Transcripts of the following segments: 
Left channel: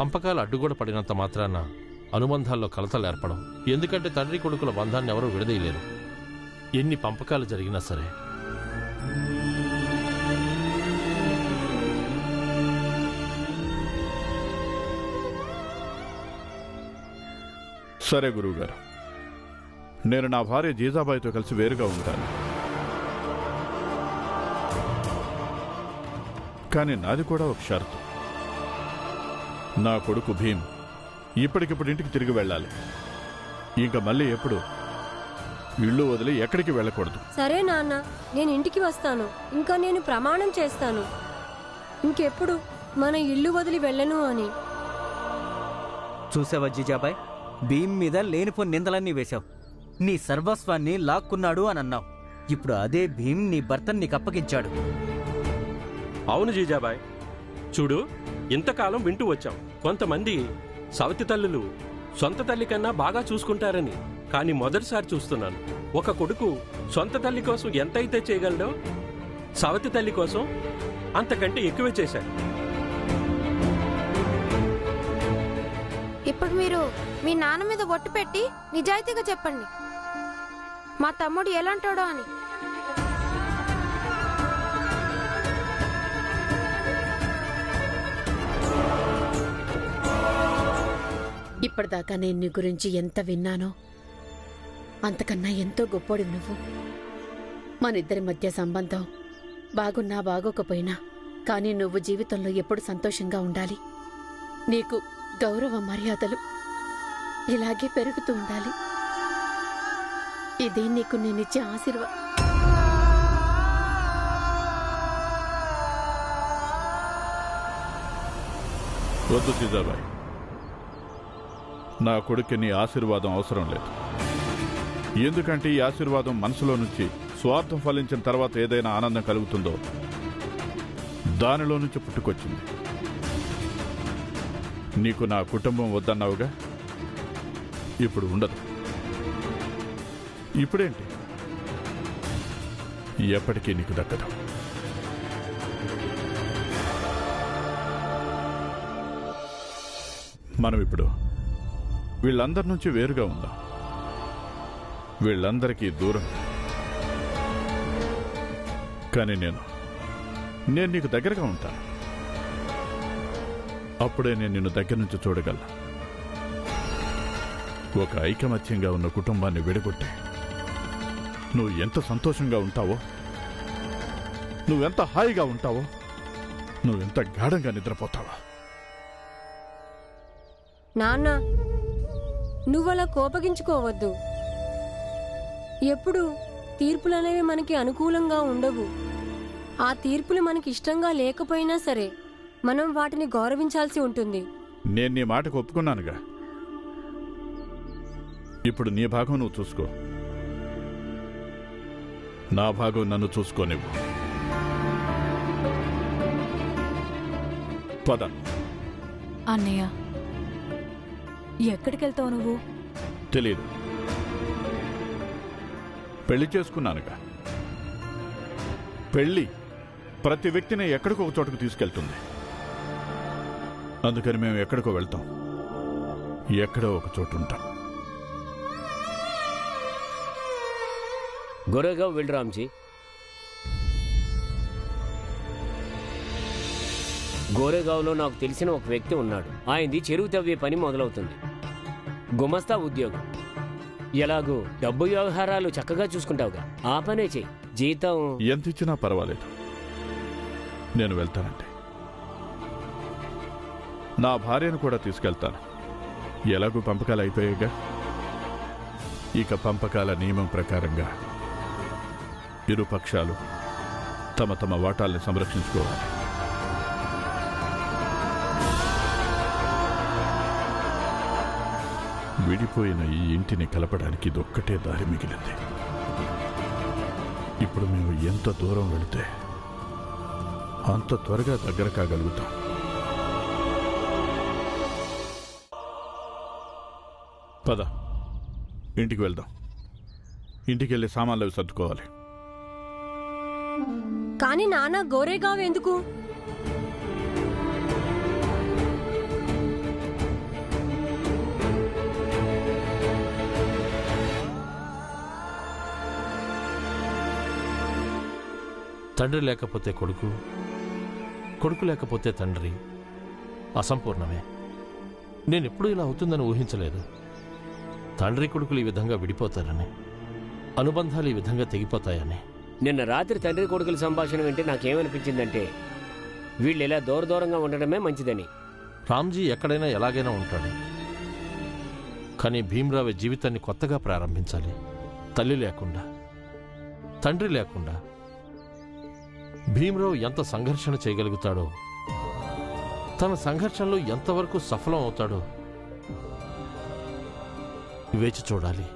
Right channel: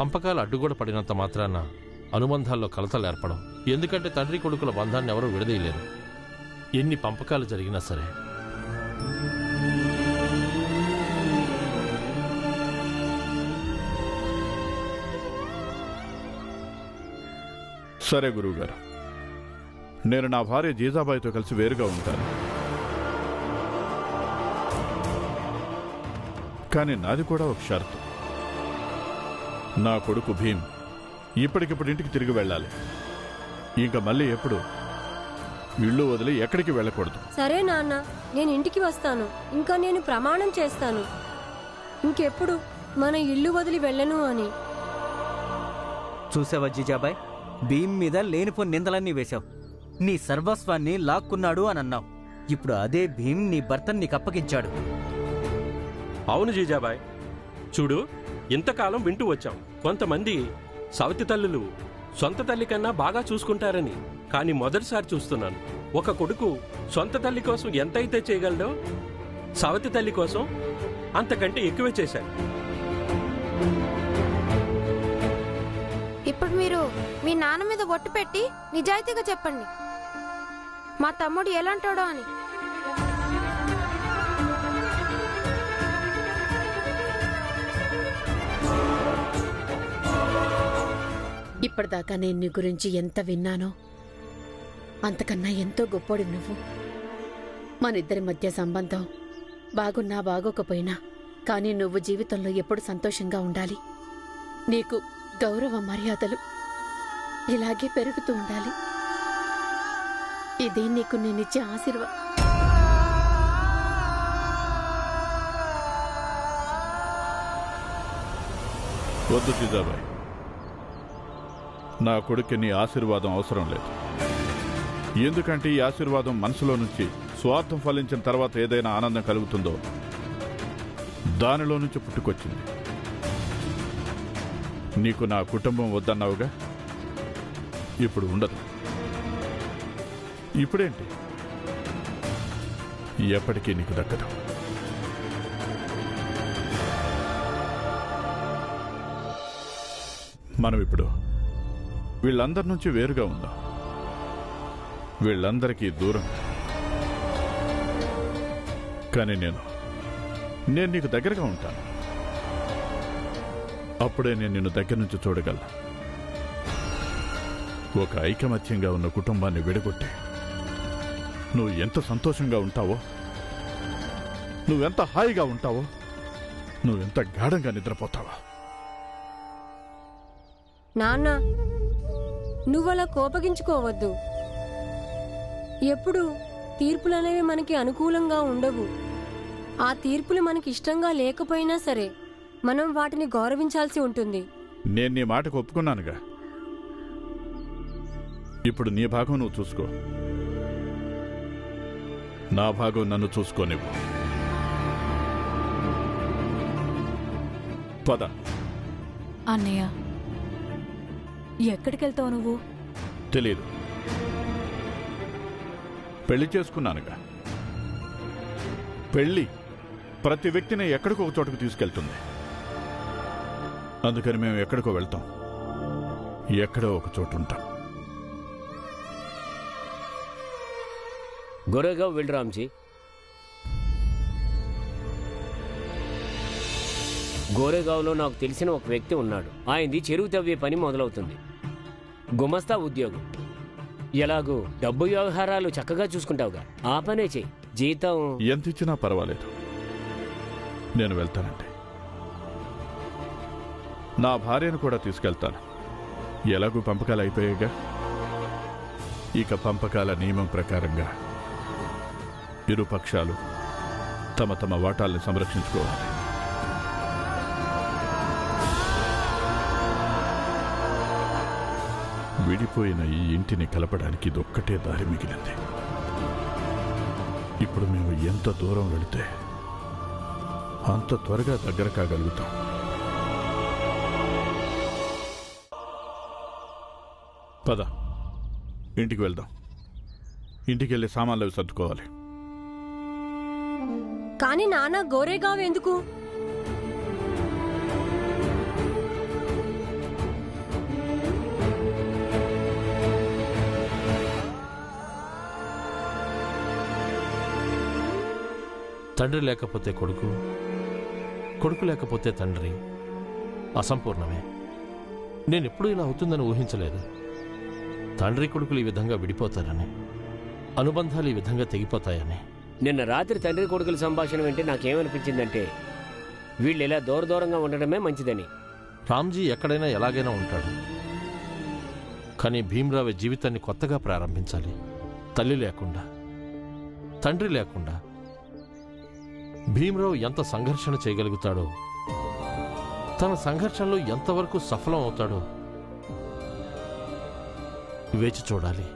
పంపకాలు అడ్డుగోడ పడినంత మాత్రాన అనుబంధాల్లో కలతలు ఏర్పడవు. ఎందుకంటే తండ్రి కొడుకుల బంధాన్ని ఎవరూ విడదీయలేరు, ఎన్ని పంపకాలు జరిగినా సరే. సరే గురువుగారు, నేను నా భార్య జీజాబాయితో కలిసి వేరుగా ఉంటాను. కానీ నాది కూడా ఒక షరతు. నా కొడుకు భీమ్ ఇప్పటికిప్పుడు ఇంటికి తిరిగి వెళ్ళాలి. ఇంకా మళ్ళీ ఎప్పుడు ఇల్లు వదిలి ఎక్కడికి వెళ్ళకూడదు. సరే నాన్న, నేను ఇంటికి వస్తాను. ఇంకా నేను ప్రమాణం చేస్తాను ఇంకెప్పుడు మన ఇల్లు వదిలి వెళ్ళను అని. చూసావా జీజాబాయ్, భీమ్ మీద లేనిపోని నిందలన్నీ వేశావు. నీ సర్వస్వాన్ని లాక్కున్నాడు అని అన్నావు. ఇప్పుడు అదే భీమ్ నీ భర్తను నీకు అప్పగించాడు. అవును జీజాబాయ్, చూడు, ఇంతకాలం వింటూ వచ్చాం కొంతమంది సవతి తల్లులు సొంత తల్లి కన్నా బాగా చూసుకుంటారని. కానీ మొదటిసారి చూస్తున్నాను, ఒక కొడుకు సొంత తల్లి కోసం ఎంతైతే చేయగలడో సవతి తల్లి కోసం అంతకంటే ఎక్కువే చేశాడు. ఇప్పుడు మీరు మీ నాన్న మీద ఒట్టు పెట్టి నిజాయితీగా చెప్పండి, మా తమ్ముడు ఎలాంటాడో అని. ఇప్పటిదాకా నేను నీ గురించి ఎంత విన్నానో అంతకన్నా ఎంతో గొప్పోడివి నువ్వు. మనిద్దరి మధ్య సంబంధం బాగున్నా బాగోకపోయినా కానీ నువ్వు జీవితంలో ఎప్పుడు సంతోషంగా ఉండాలి. నీకు గౌరవ మర్యాదలు ఇలాగే పెరుగుతూ ఉండాలి. ఇదే నీకు నేనిచ్చే ఆశీర్వాదం. వద్దు జీజాబాయ్, నా కొడుక్కి నీ ఆశీర్వాదం అవసరం లేదు. ఎందుకంటే ఈ ఆశీర్వాదం మనసులో నుంచి స్వార్థం ఫలించిన తర్వాత ఏదైనా ఆనందం కలుగుతుందో దానిలో నుంచి పుట్టుకొచ్చింది. నీకు నా కుటుంబం వద్దన్నావుగా, ఇప్పుడు ఉండదు. ఇప్పుడేంటి, ఎప్పటికీ నీకు దక్కదు. మనం ఇప్పుడు వీళ్ళందరి నుంచి వేరుగా ఉందాం, వీళ్ళందరికీ దూరంగా. కానీ నేను నీకు దగ్గరగా ఉంటాను. అప్పుడే నేను నిన్ను దగ్గర నుంచి చూడగలను. ఒక ఐకమత్యంగా ఉన్న కుటుంబాన్ని విడగొట్టి నువ్వు ఎంత సంతోషంగా ఉంటావో, నువ్వెంత హాయిగా ఉంటావో, నువ్వెంత గాఢంగా నిద్రపోతావో. నాన్న, నువ్వలా కోపగించుకోవద్దు. ఎప్పుడు తీర్పులనేవి మనకి అనుకూలంగా ఉండవు. ఆ తీర్పులు మనకి ఇష్టంగా లేకపోయినా సరే మనం వాటిని గౌరవించాల్సి ఉంటుంది. నేను నీ మాటకు ఒప్పుకున్నానుగా. ఇప్పుడు నీ భాగం నువ్వు చూసుకో, నా భాగం నన్ను చూసుకోనివ్వు. పద. అన్నయ్య, ఎక్కడికెళ్తావు నువ్వు? తెలీదు, పెళ్లి చేసుకున్నానుగా. పెళ్లి ప్రతి వ్యక్తిని ఎక్కడికో ఒక చోటుకు తీసుకెళ్తుంది. అందుకని మేము ఎక్కడికో వెళ్తాం, ఎక్కడో ఒక చోటు ఉంటాం. గోరేగావ్ వెళ్ళు రామ్జీ. గోరేగావ్లో నాకు తెలిసిన ఒక వ్యక్తి ఉన్నాడు. ఆయనది చెరువు తవ్వే పని మొదలవుతుంది. గుమస్తా ఉద్యోగం. ఎలాగూ డబ్బు వ్యవహారాలు చక్కగా చూసుకుంటావుగా, ఆ పనే చెయ్యి. జీతం ఎంత ఇచ్చినా పర్వాలేదు, నేను వెళ్తానంటే. నా భార్యను కూడా తీసుకెళ్తాను. ఎలాగూ పంపకాలు అయిపోయాయిగా. ఇక పంపకాల నియమం ప్రకారంగా ఇరు పక్షాలు తమ తమ వాటాల్ని సంరక్షించుకోవాలి. విడిపోయిన ఈ ఇంటిని కలపడానికి ఇదొక్కటే దారి మిగిలింది. ఇప్పుడు మేము ఎంత దూరం వెళితే అంత త్వరగా దగ్గర కాగలుగుతాం. పద, ఇంటికి వెళ్దాం. ఇంటికి వెళ్ళి సామాన్లు అవి సర్దుకోవాలి. కానీ నాన్న, గోరేగావ్ ఎందుకు? తండ్రి లేకపోతే కొడుకు, కొడుకు లేకపోతే తండ్రి అసంపూర్ణమే. నేనెప్పుడూ ఇలా అవుతుందని ఊహించలేదు. తండ్రి కొడుకులు ఈ విధంగా విడిపోతారని, అనుబంధాలు ఈ విధంగా తెగిపోతాయని. నిన్న రాత్రి తండ్రి కొడుకుల సంభాషణ వింటే నాకేమనిపించిందంటే వీళ్ళు ఇలా దూరంగా ఉండడమే మంచిదని. రామ్జీ ఎక్కడైనా ఎలాగైనా ఉంటాడు, కానీ భీమ్రావు జీవితాన్ని కొత్తగా ప్రారంభించాలి. తల్లి లేకుండా, తండ్రి లేకుండా భీమ్రావు ఎంత సంఘర్షణ చేయగలుగుతాడో, తన సంఘర్షణలో ఎంతవరకు సఫలం అవుతాడో వేచి చూడాలి.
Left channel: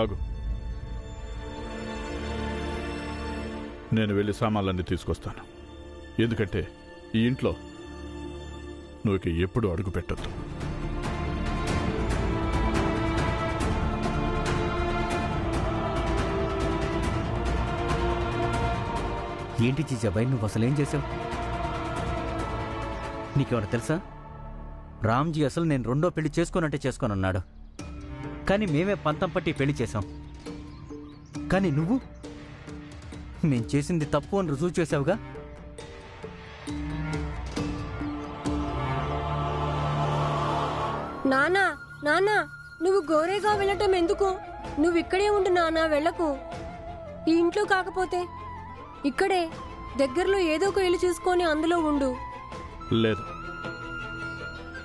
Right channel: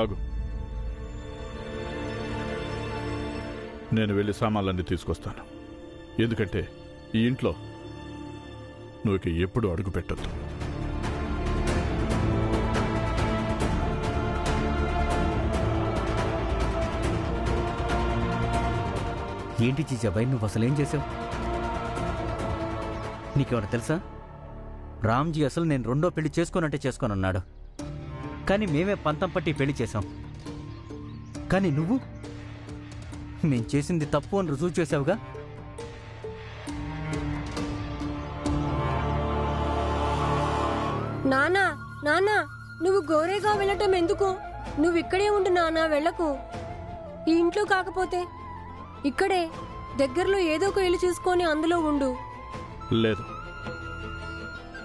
ఆగు, నేను వెళ్ళి సామాన్లన్నీ తీసుకొస్తాను. ఎందుకంటే ఈ ఇంట్లో నువ్వు ఇక ఎప్పుడు అడుగు పెట్టొద్దు. ఏంటి జీజాబాయ్, నువ్వు అసలేం చేసావు? నీకేమైనా తెలుసా? రామ్జీ అసలు నేను రెండో పెళ్లి చేసుకోనంటే చేసుకోనన్నాడు. కానీ మేమే పంతం పట్టి పెళ్లి చేశాం. కానీ నువ్వు మేం చేసింది తప్పు అని రుజువు చేసావుగా. నానా నానా, నువ్వు గోరేగా వెళ్ళటం ఎందుకు? నువ్వు ఇక్కడే ఉండు నానా, వెళ్ళకు. ఈ ఇంట్లో కాకపోతే ఇక్కడే దగ్గరలో ఏదో ఒక ఇల్లు చూసుకొని అందులో ఉండు. లేదు,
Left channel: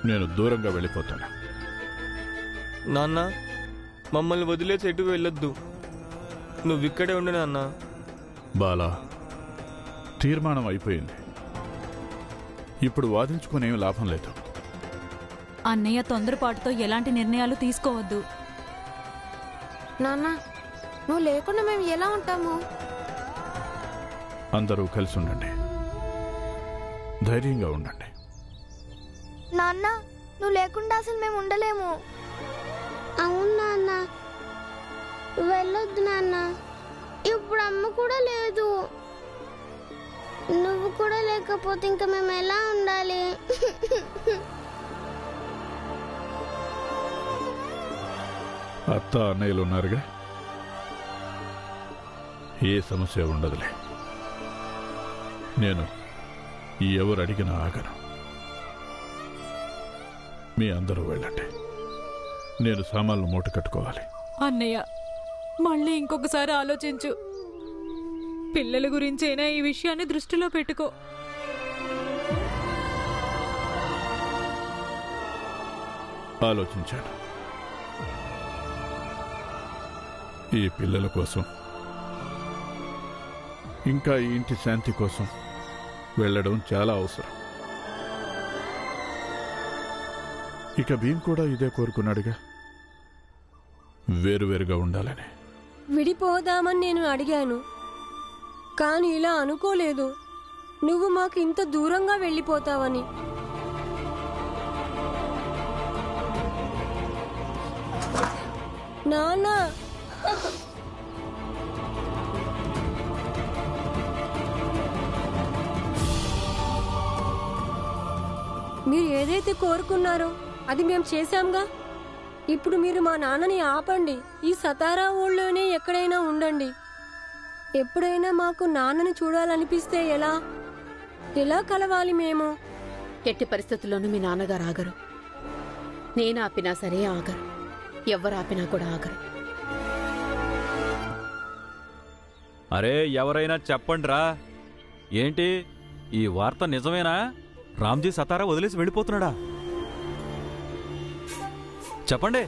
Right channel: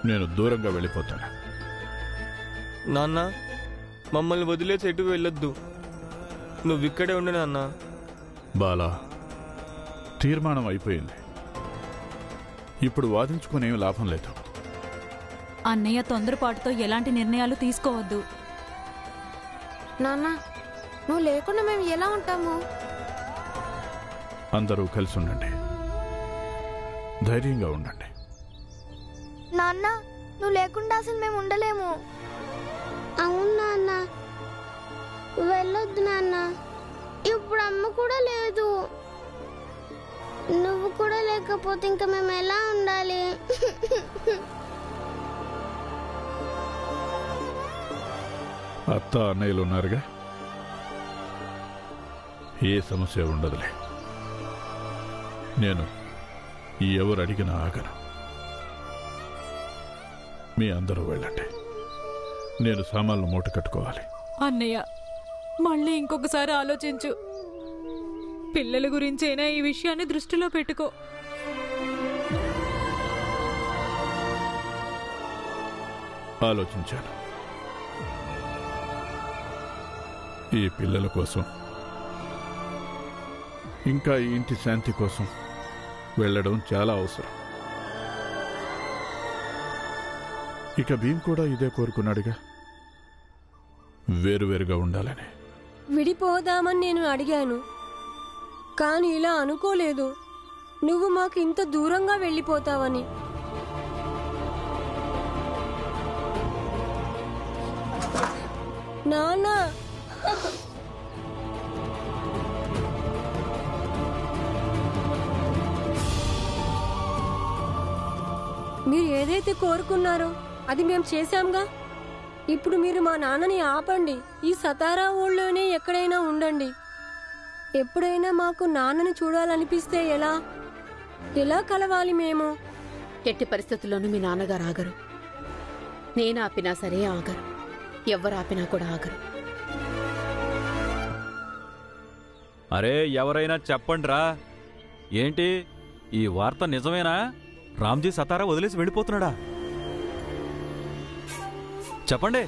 నేను దూరంగా వెళ్ళిపోతాను. నాన్న, మమ్మల్ని వదిలేసి ఎటు వెళ్ళొద్దు. నువ్విక్కడే ఉండు నాన్న. బాలా, తీర్మానం అయిపోయింది. ఇప్పుడు వాదించుకునేం లాభం లేదు. అన్నయ్య తొందరపాటుతో ఎలాంటి నిర్ణయాలు తీసుకోవద్దు. నాన్న, నువ్వు లేకుండా మేము ఎలా ఉంటాము? అందరూ కలిసి ఉండండి, ధైర్యంగా ఉండండి. నాన్న, నువ్వు లేకుండా అసలు మేము ఉండలేము. అవును నాన్న, వెళ్ళొద్దు నాన్న. ఇప్పుడు అమ్మ కూడా లేదు. నువ్వు కూడా లేకపోతే ఇంకా మేము ఎలా ఉండాలి? అత్త అన్నయ్యలు ఉన్నారుగా, ఏ సమస్య ఉండదులే. నేను ఎవరు అడిగినా ఆగను. మీ అందరూ వెళ్ళండి, నేను సామాన్లు మూట కట్టుకోవాలి. అన్నయ్య, మళ్ళీ ఇంకొకసారి ఆలోచించు. పిల్లల గురించైనా ఈ విషయాన్ని దృష్టిలో పెట్టుకో. ఆలోచించాను. ఈ పిల్లల కోసం, ఇంకా ఈ ఇంటి శాంతి కోసం వెళ్ళడం చాలా అవసరం. ఇక భీమ్ కూడా ఇదే కోరుకున్నాడుగా, వేరువేరుగా ఉండాలని. విడిపోదామని నేను అడిగాను, కానీ ఇలా అనుకోలేదు. నువ్వు మాకు ఇంత దూరంగా వెళ్ళిపోతావని. నాన్నా, మీరు ఏదైతే కోరుకున్నారో అది మేము చేశాంగా. ఇప్పుడు మీరు మా నాన్నని ఆపండి. ఈ సతారా ఊళ్ళోనే ఎక్కడైనా ఉండండి. ఎప్పుడైనా మాకు నాన్నని చూడాలనిపిస్తే ఎలా ఎలా కలవాలి మేము? ఎట్టి పరిస్థితుల్లోనూ మీ నాన్నగారు ఆగరు. నేను ఆపినా సరే ఆగరు. ఎవరు ఆపినా కూడా ఆగరు. అరే, ఎవరైనా చెప్పండ్రా, ఏంటి ఈ వార్త నిజమేనా? రామ్జీ సతారా వదిలేసి వెళ్ళిపోతున్నాడా? చెప్పండి.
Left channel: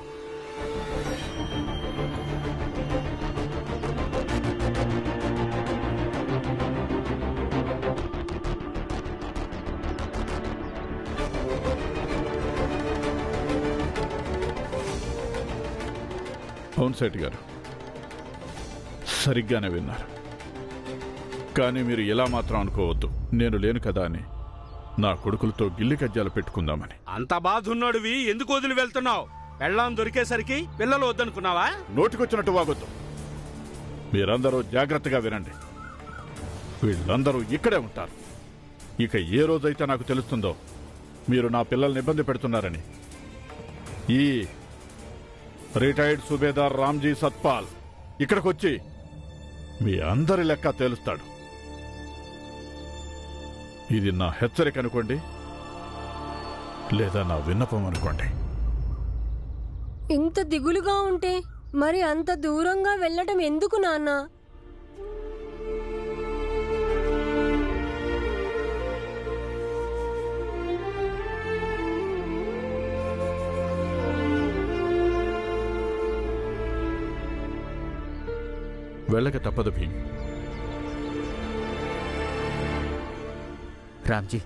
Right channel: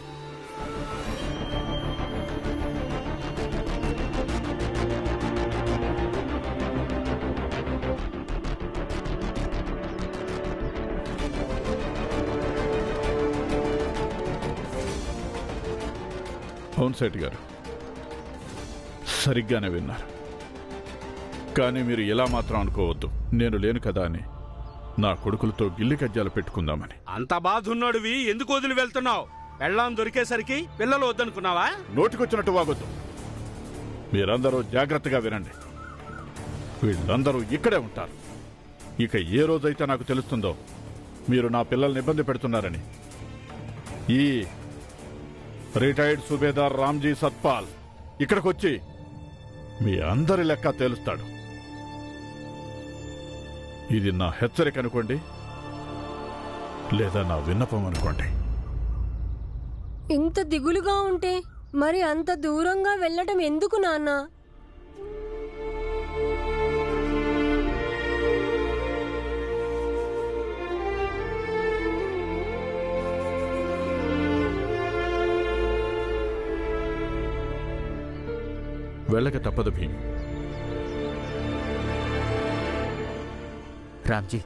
అవును సేఠ్ గారు, సరిగ్గానే విన్నారు. కానీ మీరు ఇలా మాత్రం అనుకోవద్దు, నేను లేను కదా అని నా కొడుకులతో గిల్లి కజ్జాలు పెట్టుకుందామని. అంత బాధున్నాడువి ఎందుకు వదిలి వెళ్తున్నావు? పెళ్ళాం దొరికేసరికి పిల్లలు వద్దనుకున్నావా? నోటికొచ్చినట్టు వాగొద్దు. మీరందరూ జాగ్రత్తగా వినండి. వీళ్ళందరూ ఇక్కడే ఉంటారు. ఇక ఏ రోజైతే నాకు తెలుస్తుందో మీరు నా పిల్లల్ని ఇబ్బంది పెడుతున్నారని, ఈ రిటైర్డ్ సుబేదార్ రామ్జీ సత్పాల్ ఇక్కడికొచ్చి మీ అందరి లెక్క తేలుస్తాడు. ఇది నా హెచ్చరిక అనుకోండి, లేదా నా విన్నపం అనుకోండి. ఇంత దిగులుగా ఉంటే మరి అంత దూరంగా వెళ్ళటం ఎందుకు నాన్న? వెళ్ళక తప్పదు భీమ్. రామ్జీ,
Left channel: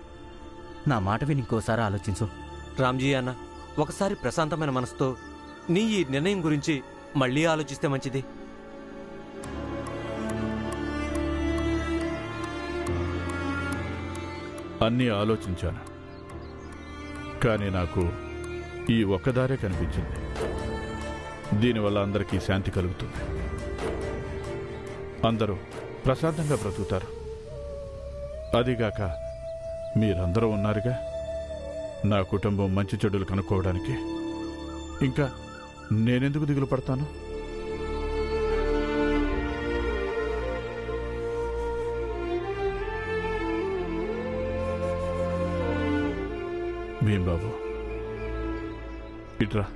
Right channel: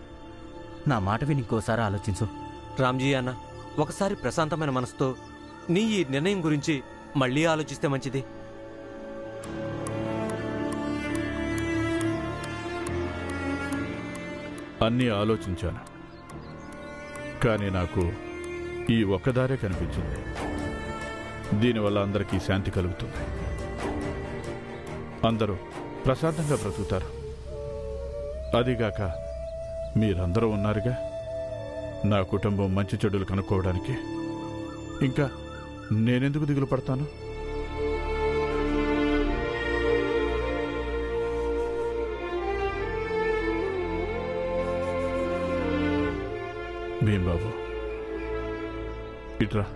నా మాట విని ఇంకోసారి ఆలోచించు. రామ్జీ అన్న, ఒకసారి ప్రశాంతమైన మనసుతో నీ ఈ నిర్ణయం గురించి మళ్ళీ ఆలోచిస్తే మంచిది. అన్నీ ఆలోచించాను, కానీ నాకు ఈ ఒక్కదారే కనిపించింది. దీనివల్ల అందరికీ శాంతి కలుగుతుంది, అందరూ ప్రశాంతంగా బ్రతుకుతారు. అదిగాక మీరందరూ ఉన్నారుగా, నా కుటుంబం మంచి చెడులు కనుక్కోవడానికి. ఇంకా నేనెందుకు దిగులు పడతాను? భీంబాబు, ఇట్రా.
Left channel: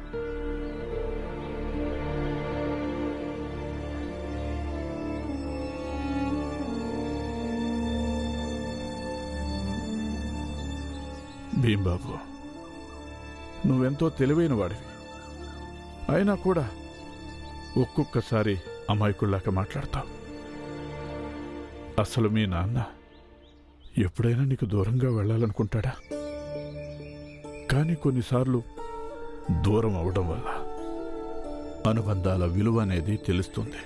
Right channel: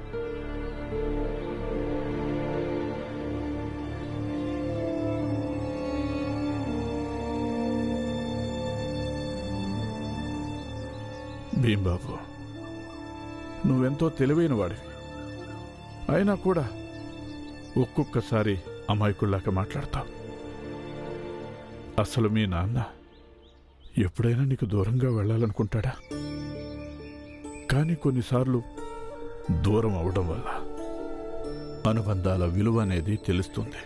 భీంబాబు, నువ్వెంతో తెలివైన వాడివి, అయినా కూడా ఒక్కొక్కసారి అమాయకుల్లాగా మాట్లాడతావు. అసలు మీ నాన్న ఎప్పుడైనా నీకు దూరంగా వెళ్ళాలనుకుంటాడా? కానీ కొన్నిసార్లు దూరం అవడం వల్ల అనుబంధాల విలువ అనేది తెలుస్తుంది.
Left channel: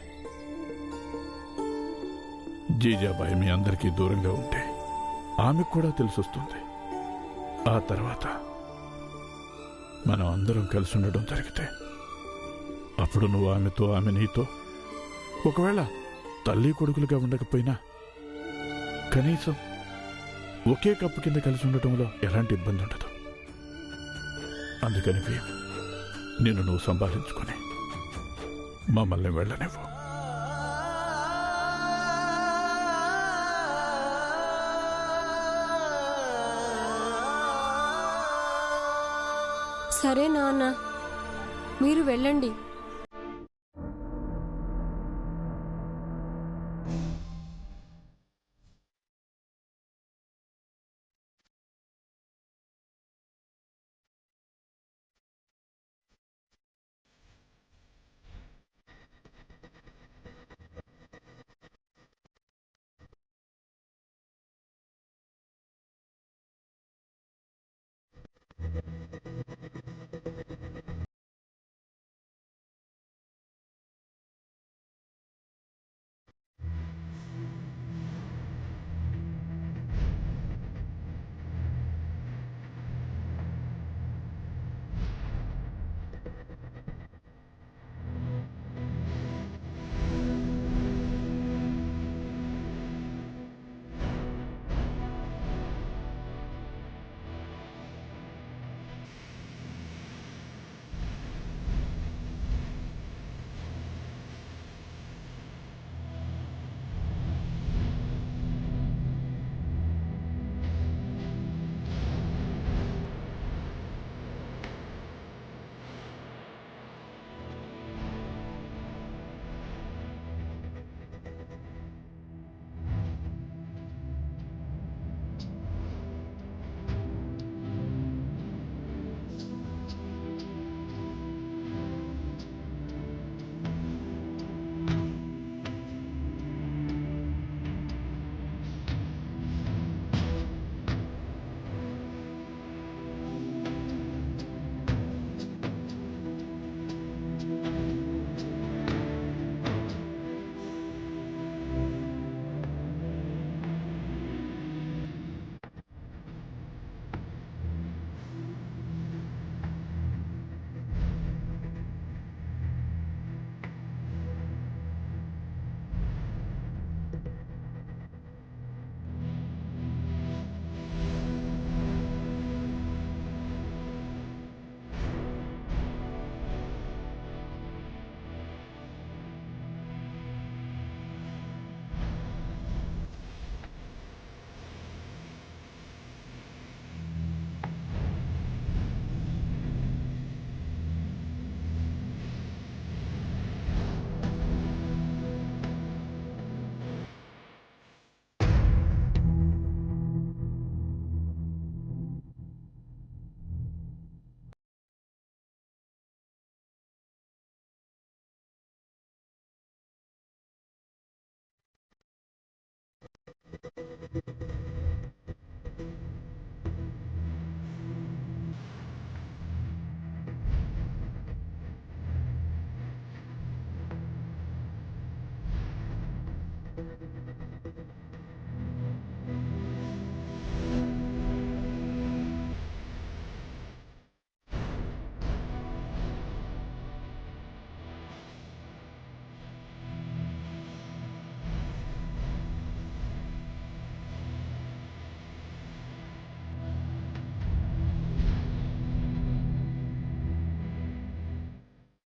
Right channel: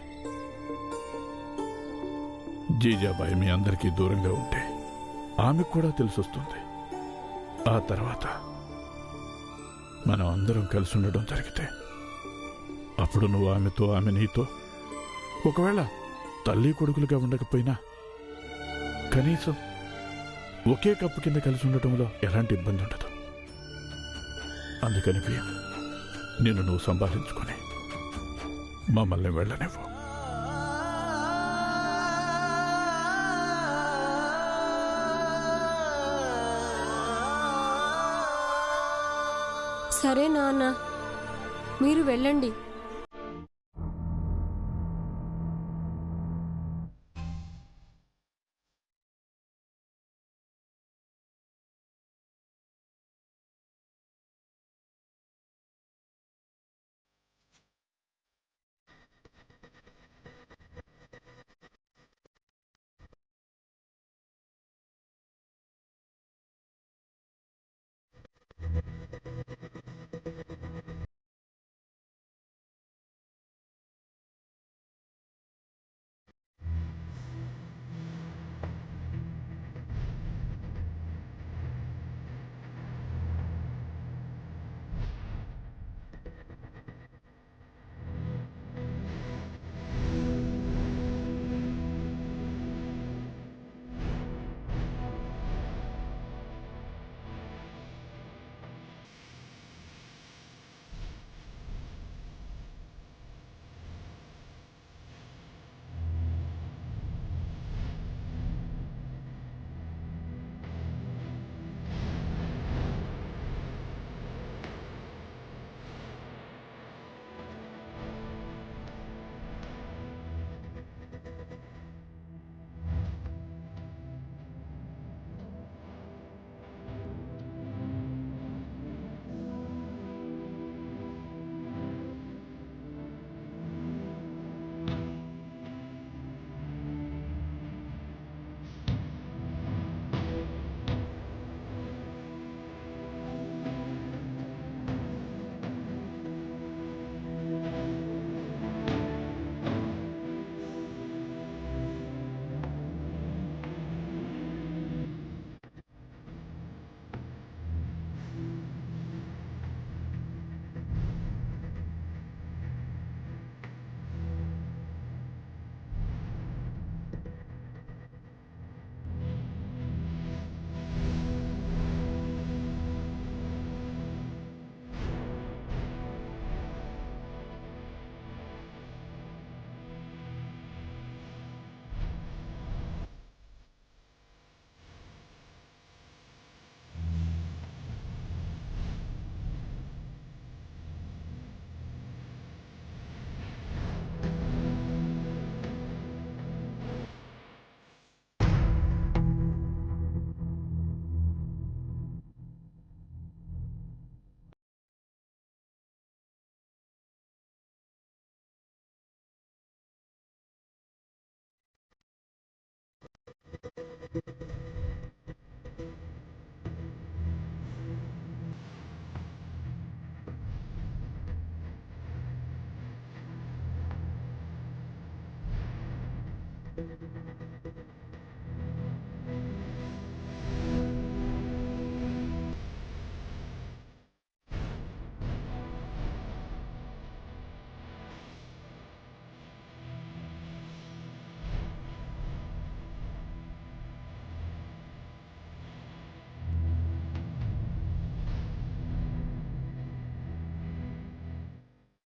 జీజాబాయి మీ అందరికీ దూరంగా ఉంటే ఆమెకు కూడా తెలిసొస్తుంది. ఆ తర్వాత మనం అందరం కలిసి ఉండడం జరిగితే అప్పుడు నువ్వు ఆమెతో, ఆమె నీతో, ఒకవేళ తల్లి కొడుకులుగా ఉండకపోయినా కనీసం ఒకే కప్పు కింద కలిసి ఉండటంలో ఎలాంటి ఇబ్బంది ఉండదు. అందుకని భీమ్, నిన్ను నువ్వు సంభాళించుకొని మమ్మల్ని వెళ్ళనివ్వు. సరే నాన్న, మీరు వెళ్ళండి.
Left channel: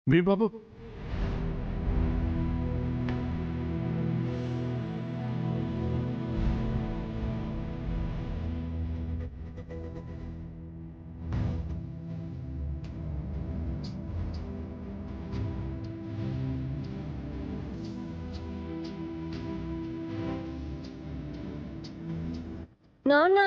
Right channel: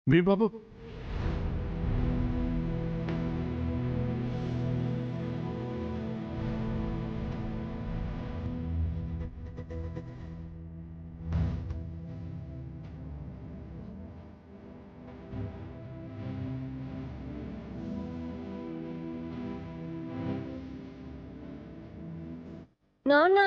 బాబు నాన్న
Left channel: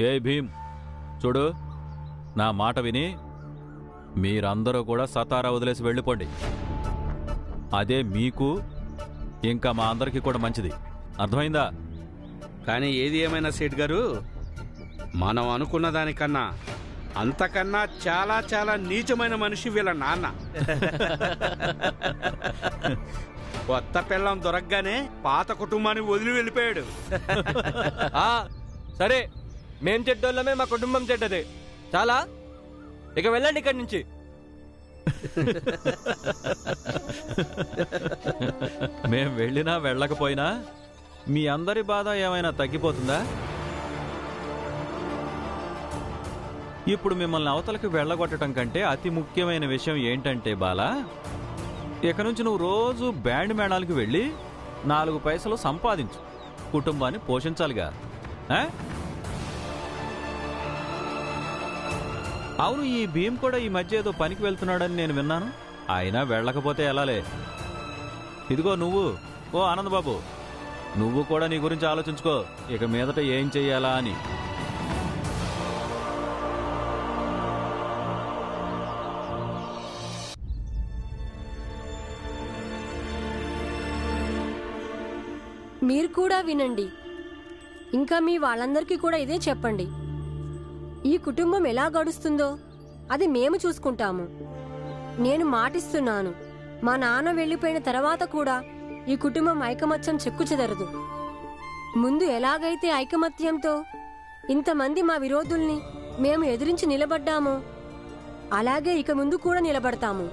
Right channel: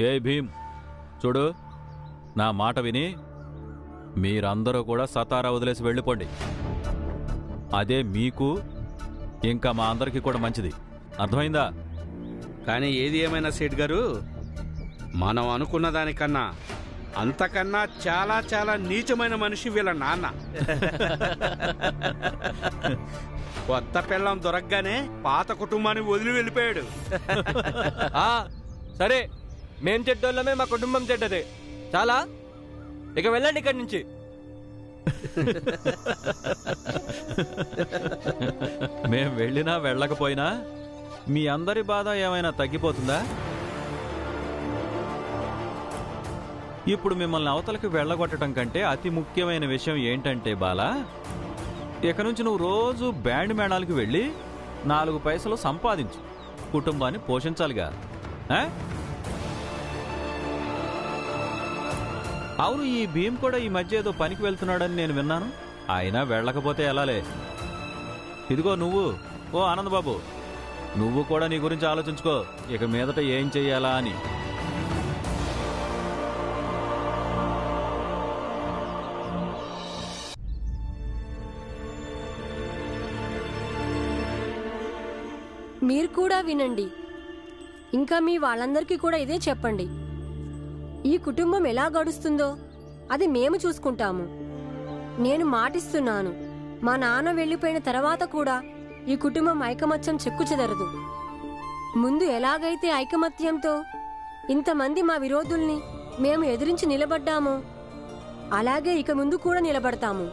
ఏ భీమ్, చూడు, నా మాట విని మీరందరూ కూడా సతారా వదిలేసి వెళ్ళిపోండి. అదే మీకు ఇంకా మా అందరికీ కూడా మంచిది. అర్థమైందా? కానీ ఏది ఏమైనా సేట్ గారు, మనం అనుకున్న దానికన్నా అంతకన్నా చాలా చాలా నీచమైన మనిషి వీళ్ళ నాన్న. కొత్త పిల్లం దొరకగానే పాత కుటుంబాన్ని వదిలి వెళ్ళిపోయాడు. సరే, మేం చెడ్డోళ్ళమే, మా కుటుంబం చెడ్డదే. చాలా, ఇక వెళ్ళండి ఇక్కడి నుంచి. మేం వెళ్ళినా వెళ్ళకపోయినా మీ అందరి బాధ ఏమైనా తగ్గిపోతుందా? ఇప్పుడు మిమ్మల్ని అవతలకి వెళ్ళగొట్టడం కంటే అతి ముఖ్యమైన విషయం ఏంటంటే బాలా, ఇక నుంచి నువ్వు రోజు బ్యాండ్ మేళాలకు వెళ్ళి 4 పైసలు సంపాదించు, కుటుంబాన్ని పోషించాలిగా. అవును, ఈ భీమ్ కూడా ఈ మధ్య ఏదో పనికి వెళ్తున్నాడని నేను విన్నాను. అయినా వెళ్ళకపోతే ఎలాలే. ఇదిగో నువ్వు, ఓ ఆనందబాబు, నువ్వు కూడా నీ గురించి ఆలోచించుకో, ఇక మీదట ఏం చెయ్యాలా అని. మీరు కూడా వినండి, ఇంకా మీ వాళ్ళందరికీ కూడా ఇదే చెప్పండి. ఈ కుటుంబం ఎలా గడుస్తుందో అది మేము చూసుకుంటాము. నేను మాటిస్తున్నాను, మా నాన్న వెళ్ళిపోయిన తర్వాత కూడా ఈ కుటుంబం ఐకమత్యం చెక్కు చెదరదు. ముందు ఎలాగైతే ఐకమత్యంతో ఇంతమంది మా విరోధుల్ని మేము ఎదిరించి నిలబడ్డామో అలాగే ఇక ముందు కూడా నిలబడతాము.